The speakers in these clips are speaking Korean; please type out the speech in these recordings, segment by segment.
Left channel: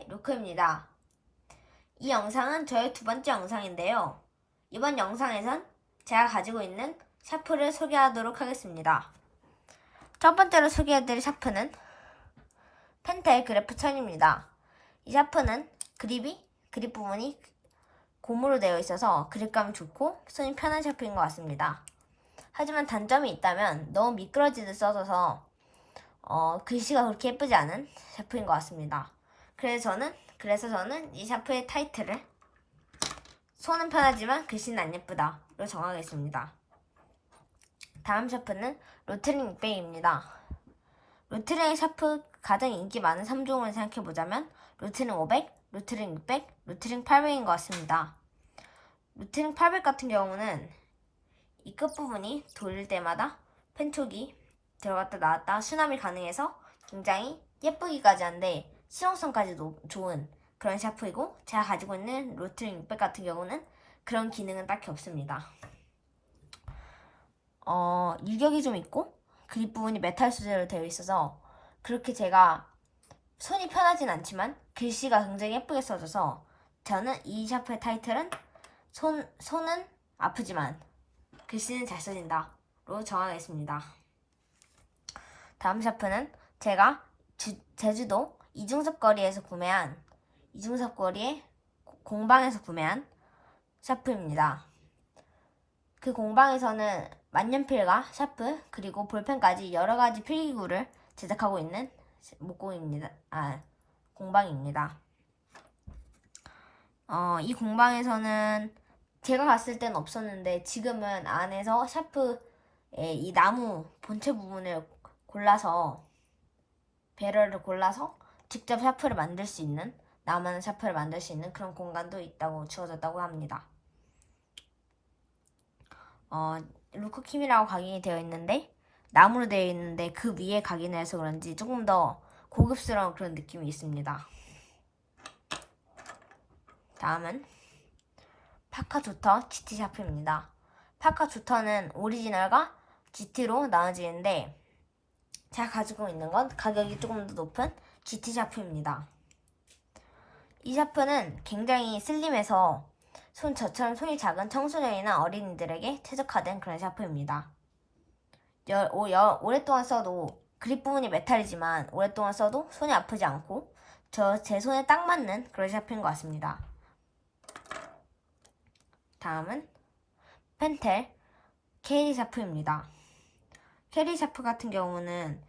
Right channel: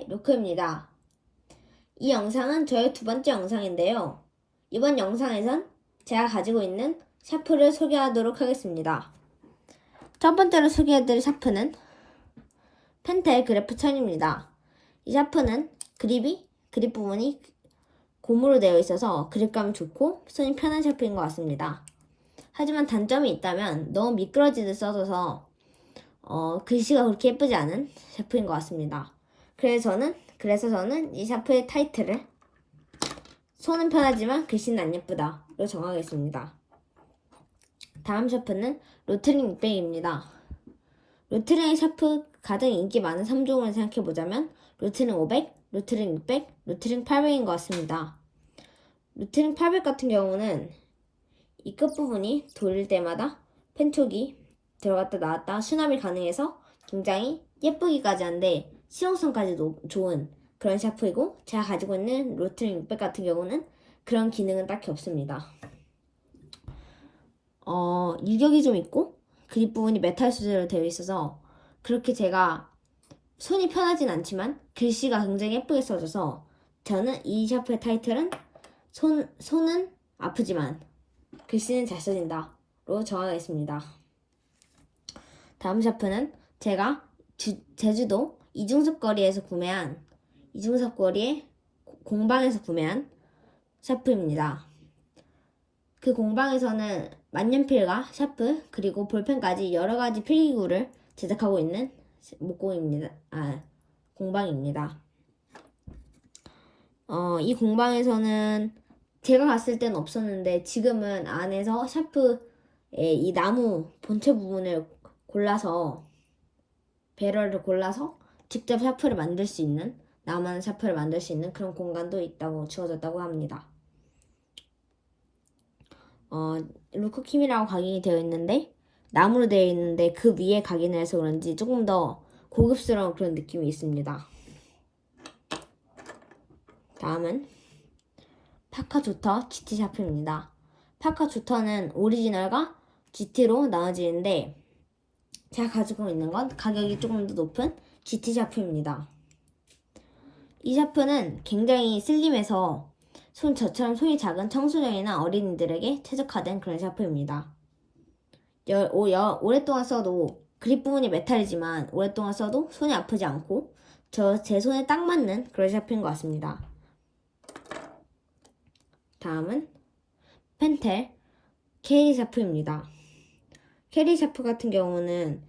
안녕하세요 루크입니다. 이 영상은 저의 두 번째 영상인데요. 이번 영상에선 제가 가지고 있는 샤프를 소개하도록 하겠습니다. 첫 번째로 소개해드릴 샤프는 펜텔 그래프 1000입니다. 이 샤프는 그립이 그립 부분이 고무로 되어 있어서 그립감이 좋고 손이 편한 샤프인 것 같습니다. 하지만 단점이 있다면 너무 미끄러지듯 써져서 어, 글씨가 그렇게 예쁘지 않은 샤프인 것 같습니다. 그래서 저는 그래서 저는 이 샤프의 타이틀을 손은 편하지만 글씨는 안 예쁘다로 정하겠습니다. 다음 샤프는 로트링 600입니다. 로트링 샤프 가장 인기 많은 3종을 생각해보자면 로트링 500, 로트링 600, 로트링 800인 것 같습니다. 로트링 800 같은 경우는 이 끝부분이 돌릴 때마다 펜촉이 들어갔다 나왔다 수납이 가능해서 굉장히 예쁘기까지 한데 실용성까지도 좋은 그런 샤프이고 제가 가지고 있는 로트링 600 같은 경우는 그런 기능은 딱히 없습니다. 어, 유격이 좀 있고 그립 부분이 메탈 소재로 되어 있어서 그렇게 제가 손이 편하진 않지만 글씨가 굉장히 예쁘게 써져서 저는 이 샤프의 타이틀은 손, 손은 아프지만 글씨는 잘 써진다로 정하겠습니다. 다음 샤프는 제가 주- 제주도 이중섭 거리에서 구매한 이중섭 거리의 고- 공방에서 구매한 샤프입니다. 그 공방에서는 만년필과 샤프 그리고 볼펜까지 여러 가지 필기구를 제작하고 있는 목공입니다. 아 공방입니다. 어, 이 공방에서는 제가 갔을 때는 없었는데 지금은 안에서 샤프의 이 나무 본체 부분을 골라서 배럴을 골라서 직접 샤프를 만들 수 있는 나만 샤프를 만들 수 있는 그런 공간도 있다고 주어졌다고 합니다. 어, 루크킴이라고 각인이 되어 있는데 나무로 되어 있는데 그 위에 각인을 해서 그런지 조금 더 고급스러운 그런 느낌이 있습니다. 다음은 파카 조터 GT 샤프입니다. 파카 조터는 오리지널과 GT로 나눠지는데 제가 가지고 있는 건 가격이 조금 더 높은 GT 샤프입니다. 이 샤프는 굉장히 슬림해서 손 저처럼 손이 작은 청소년이나 어린이들에게 최적화된 그런 샤프입니다. 여, 오, 여, 오랫동안 써도 그립 부분이 메탈이지만 오랫동안 써도 손이 아프지 않고 저 제 손에 딱 맞는 그런 샤프인 것 같습니다. 다음은 펜텔 캐리 샤프입니다. 캐리 샤프 같은 경우는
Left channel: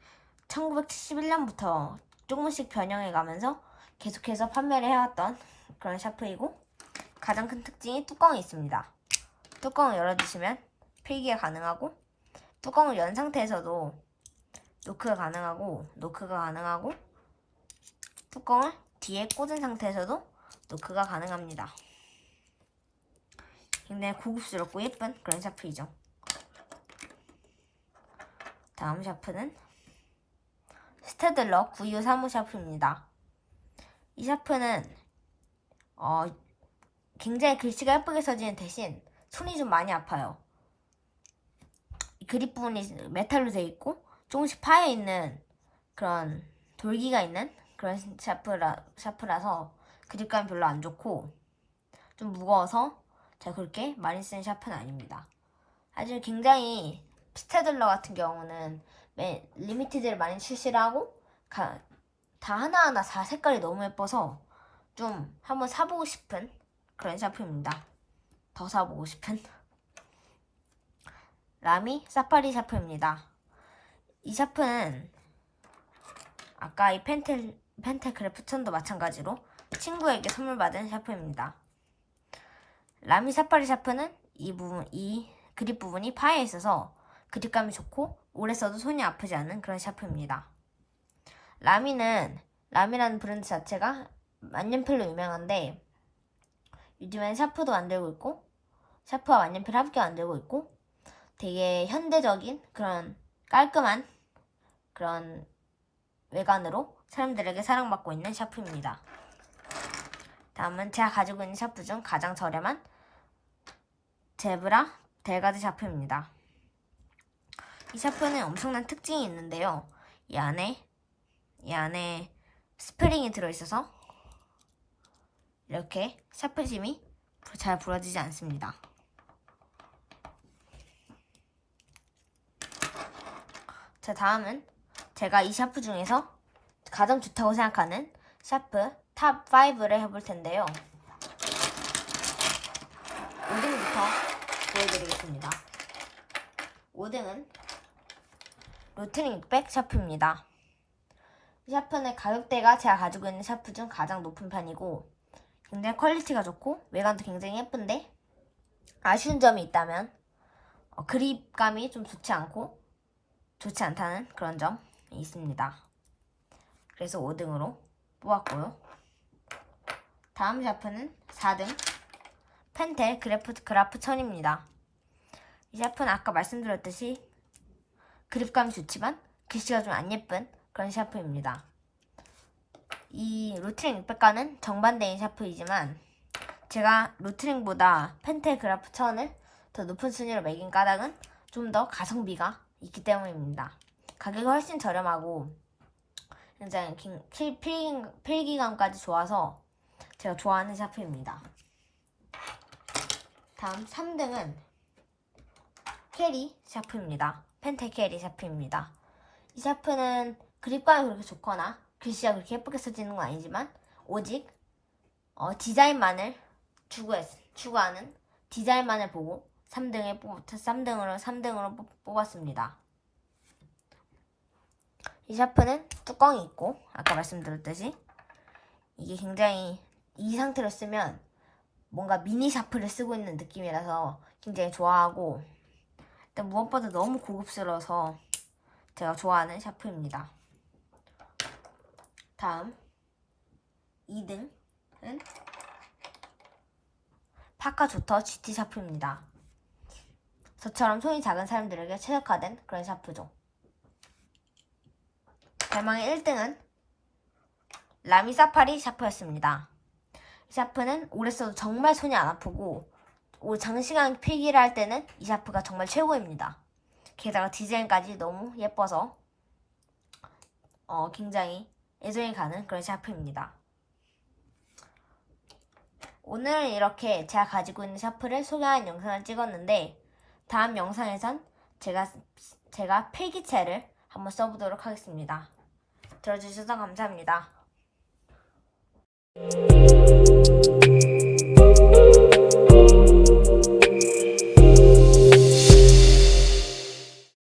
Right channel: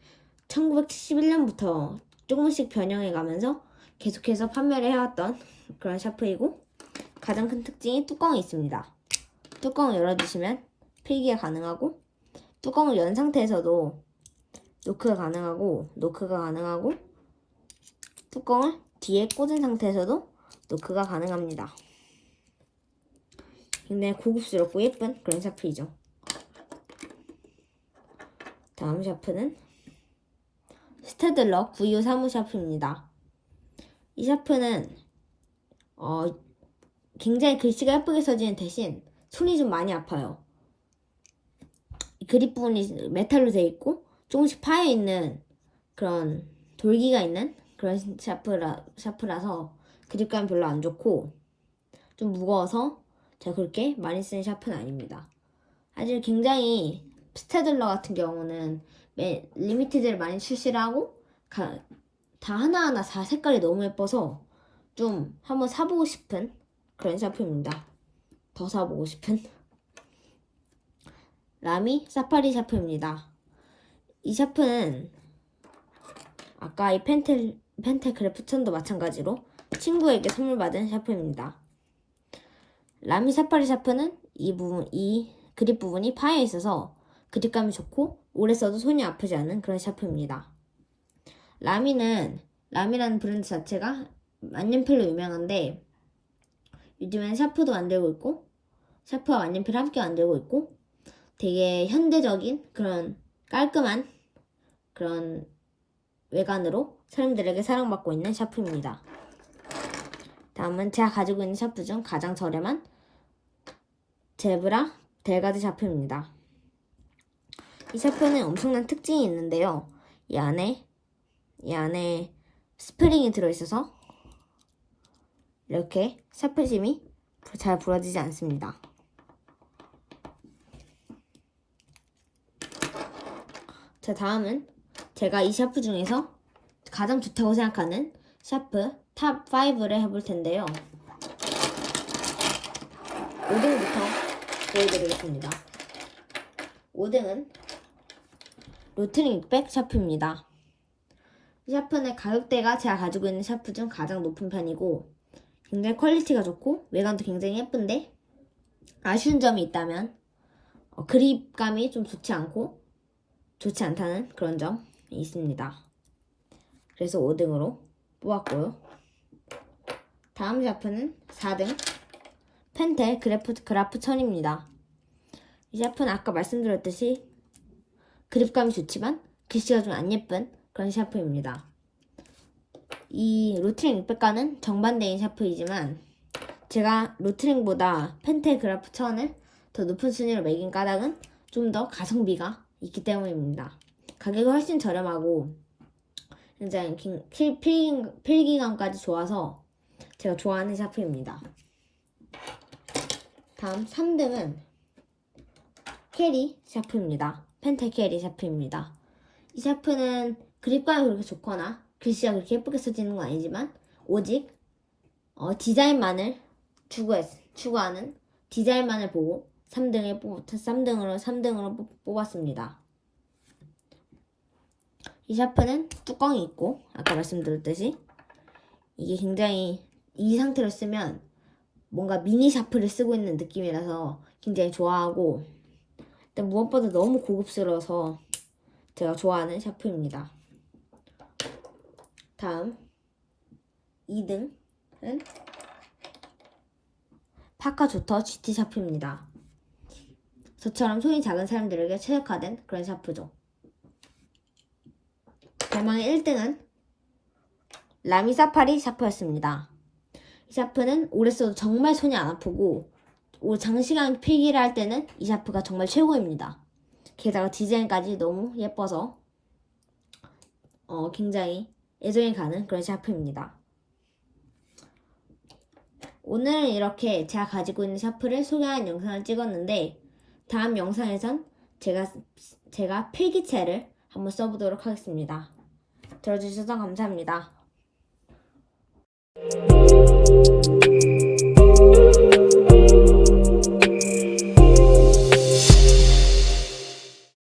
1971년부터 조금씩 변형해 가면서 계속해서 판매를 해왔던 그런 샤프이고 가장 큰 특징이 뚜껑이 있습니다. 뚜껑을 열어주시면 필기가 가능하고 뚜껑을 연 상태에서도 노크가 가능하고 노크가 가능하고 뚜껑을 뒤에 꽂은 상태에서도 노크가 가능합니다. 굉장히 고급스럽고 예쁜 그런 샤프이죠. 다음 샤프는 스테들러 923호 샤프입니다. 이 샤프는 어, 굉장히 글씨가 예쁘게 써지는 대신 손이 좀 많이 아파요. 이 그립 부분이 메탈로 되어 있고 조금씩 파여 있는 그런 돌기가 있는 그런 샤프라, 샤프라서 그립감이 별로 안 좋고 좀 무거워서 제가 그렇게 많이 쓰는 샤프는 아닙니다. 사실 굉장히 스테들러 같은 경우는 매- 리미티드를 많이 출시를 하고 가- 다 하나하나 다 색깔이 너무 예뻐서 좀 한번 사보고 싶은 그런 샤프입니다. 더 사보고 싶은 라미 사파리 샤프입니다. 이 샤프는 아까 이 펜텔 펜텔 그래프천도 마찬가지로 친구에게 선물 받은 샤프입니다. 라미 사파리 샤프는 이 부분 이 그립 부분이 파여 있어서 그립감이 좋고 오래 써도 손이 아프지 않은 그런 샤프입니다. 라미는 라미라는 브랜드 자체가 만년필로 유명한데 요즘엔 샤프도 만들고 있고 샤프와 만년필 함께 만들고 있고 되게 현대적인 그런 깔끔한 그런 외관으로 사람들에게 사랑받고 있는 샤프입니다. 다음은 제가 가지고 있는 샤프 중 가장 저렴한 제브라 델가드 샤프입니다. 이 샤프는 엄청난 특징이 있는데요. 이 안에 이 안에 스프링이 들어있어서 이렇게 샤프심이 잘 부러지지 않습니다. 자, 다음은 제가 이 샤프 중에서 가장 좋다고 생각하는 샤프 탑 5를 해볼 텐데요. 5등부터 보여드리겠습니다. 5등은 로트링 600 샤프입니다. 이 샤프는 가격대가 제가 가지고 있는 샤프 중 가장 높은 편이고 굉장히 퀄리티가 좋고 외관도 굉장히 예쁜데 아쉬운 점이 있다면 어, 그립감이 좀 좋지 않고 좋지 않다는 그런 점이 있습니다. 그래서 5등으로 뽑았고요. 다음 샤프는 4등 펜텔 그래프, 그라프 1000입니다. 이 샤프는 아까 말씀드렸듯이 그립감이 좋지만 글씨가 좀 안 예쁜 그런 샤프입니다. 이 로트링 600과는 정반대인 샤프이지만 제가 로트링보다 펜텔 그라프 1000을 더 높은 순위로 매긴 까닭은 좀 더 가성비가 있기 때문입니다. 가격이 훨씬 저렴하고 굉장히 필기감까지 좋아서 제가 좋아하는 샤프입니다. 다음 3등은 캐리 샤프입니다. 펜텔 캐리 샤프입니다. 이 샤프는 그립감이 그렇게 좋거나 글씨가 그렇게 예쁘게 써지는 건 아니지만 오직 어, 디자인만을 추구했, 추구하는 디자인만을 보고 3등에 뽑, 3등으로 3등으로 뽑았습니다. 이 샤프는 뚜껑이 있고 아까 말씀드렸듯이 이게 굉장히 이 상태로 쓰면 뭔가 미니 샤프를 쓰고 있는 느낌이라서 굉장히 좋아하고 일단 무엇보다 너무 고급스러워서 제가 좋아하는 샤프입니다. 다음 2등은 파카 조터 GT 샤프입니다. 저처럼 손이 작은 사람들에게 최적화된 그런 샤프죠. 대망의 1등은 라미 사파리 샤프였습니다. 이 샤프는 오래 써도 정말 손이 안 아프고 장시간 필기를 할 때는 이 샤프가 정말 최고입니다. 게다가 디자인까지 너무 예뻐서 어, 굉장히 애정이 가는 그런 샤프입니다. 오늘은 이렇게 제가 가지고 있는 샤프를 소개하는 영상을 찍었는데 다음 영상에선 제가 제가 필기체를 한번 써보도록 하겠습니다. 들어주셔서 감사합니다.